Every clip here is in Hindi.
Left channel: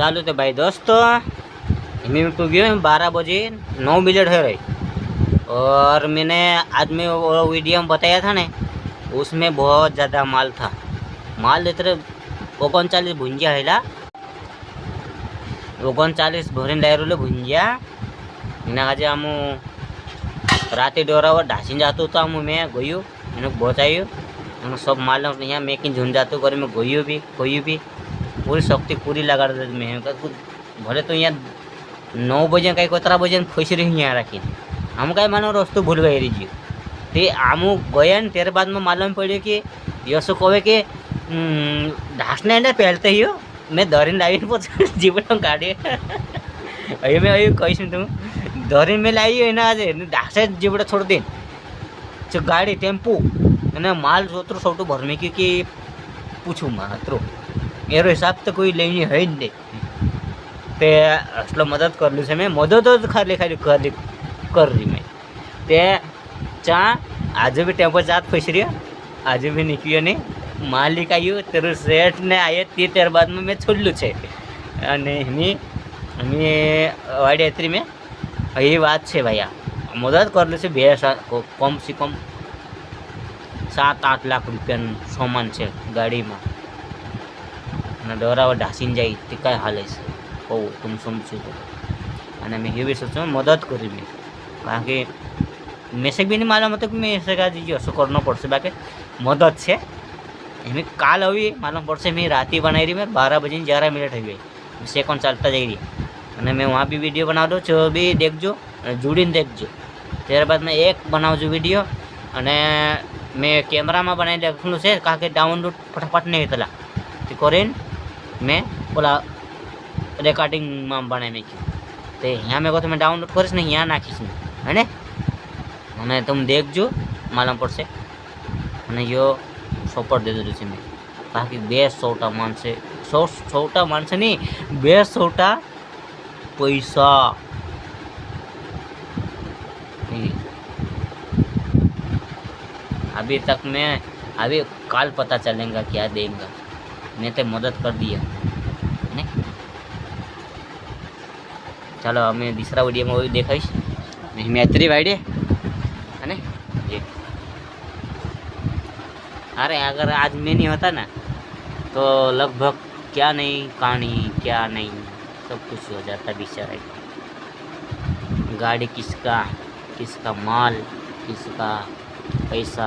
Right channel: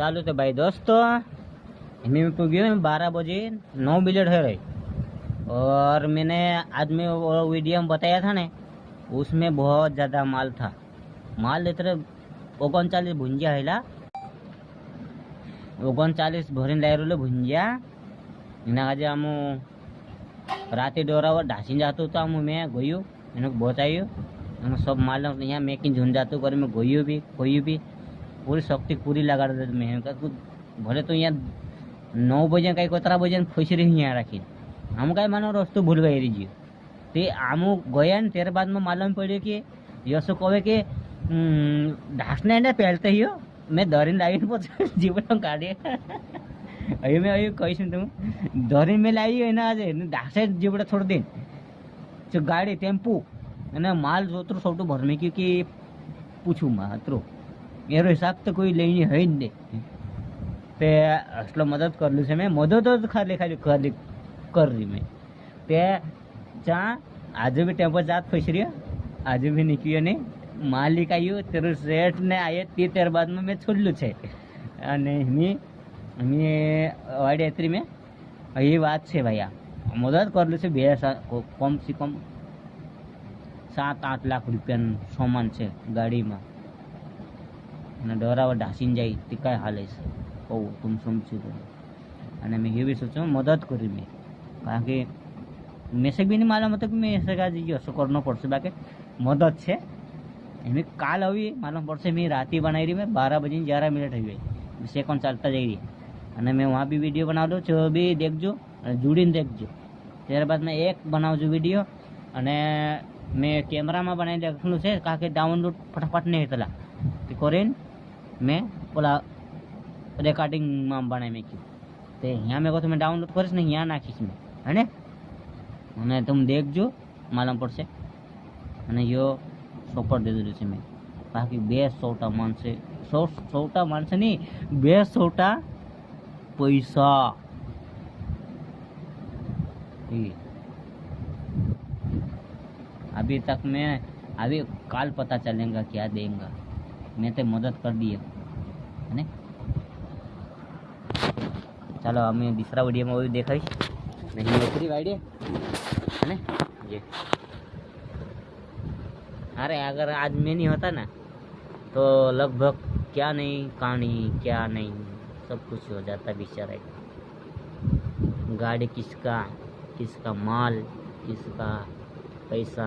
चालू थे भाई दोस्तों। मैं तो गया 12 बजे 9 मिनट है रही। और मैंने आज में वो वीडियो में बताया था ना, उसमें बहुत ज़्यादा माल था। माल देते रहे 39 भुंजिया है 39 भरीन लायरोले भुंजिया एना आज आम राते डोरावर ढासी जातो तो आम मैं गयो एने बचायो અને सब माल यहाँ मेकिंग झुंड जातो कर मैं गयो भी खोयो भी पूरी शक्ति पूरी लगा मैं भले तो यहाँ 9 बजे कहीं 17 बजे फंसी रही यहाँ राखी हम कहीं मानो रस्तु भूल गए रही ते आम गया तेरे बाद में मालूम पड़े कि यशो कहे कि ढासने ने पहलते ही हो मैं धरीन लाइन पहुँचा जीवन काढ़े अभी मैं अभी कहीश तुम धरीन में लाई है ना आज ढासे जीवड़ा छोड़ दे जो गाड़ी टेम्पू અને માલ જોતરો સૌટું ભરમે કે પૂછું માત્રો એનો હિસાબ તો કોઈ લઈને હોય જ નહીં તે આટલો મદદ કરેલું છે મેં મદદ જ ખાલી કરી મેં તે ચા આજે બી ટેમ્પો ચાત ફસી રહ્યો આજે બી નીકળ્યો નહીં માલિક આવ્યો તેરું શેઠ ને આવ્યો તે ત્યારબાદમાં મેં છોડલું છે અને એની વાડી મેં એ વાત છે ભાઈ આ મદદ કરેલું છે બે કમ સે કમ 7-8 લાખ રૂપિયાનું સામાન છે ગાડીમાં અને ડરાવા ઢાસીને જાય તે કાંઈ હાલે છે કહું તમે સમજો તો અને મેં એવી સોચું મદદ કરી મેં કારણ કે મેસેજ બી નહીં માલूम હતો કે મેં ऐसे आज હશું કરવું પડશે બાકી મદદ છે એમ કાલ આવી માलूम પડશે મેં રાતે બનાવી રહી મેં 12 बजे 11 मिनट થઈ ગઈ સેકન્ડ ચાલતા જઈ રહી અને મેં વहाँ भी वीडियो बना दो जो भी देखજો જોડીને देखજો ત્યારબાદ મેં એક બનાવજો વિડીયો અને मैं कैमरा में बनाई रखूँ से कहा कि डाउनलोड फटाफट नहीं होता तो करें मैं बोला रिकॉर्डिंग में बनाए मैं क्यों तो यहाँ मेरे को तो मैं डाउनलोड करीश नहीं यहाँ नाखीश है ने मैंने तुम देखजो मालूम पड़से અને यो सपोर्ट दे दीधું છે મેં कहा कि 200 मानसे 100 मानसे नहीं 200 पैसा अभी तक मैं अभी काल पता चलेगा क्या देगा मैं तो मदद कर दिया ने चलो हमें दूसरा वीडियो में वही देखाईश मैत्री वाइडे है ने ये अरे अगर आज मैं नहीं होता ना तो लगभग क्या नहीं कहानी क्या नहीं सब कुछ हो जाता बेचारा गाड़ी किसका माल किसका पैसा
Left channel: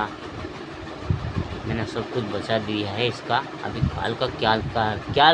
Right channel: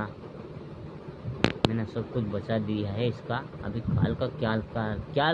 मैंने सब कुछ बचा दिया है इसका अभी काल का क्या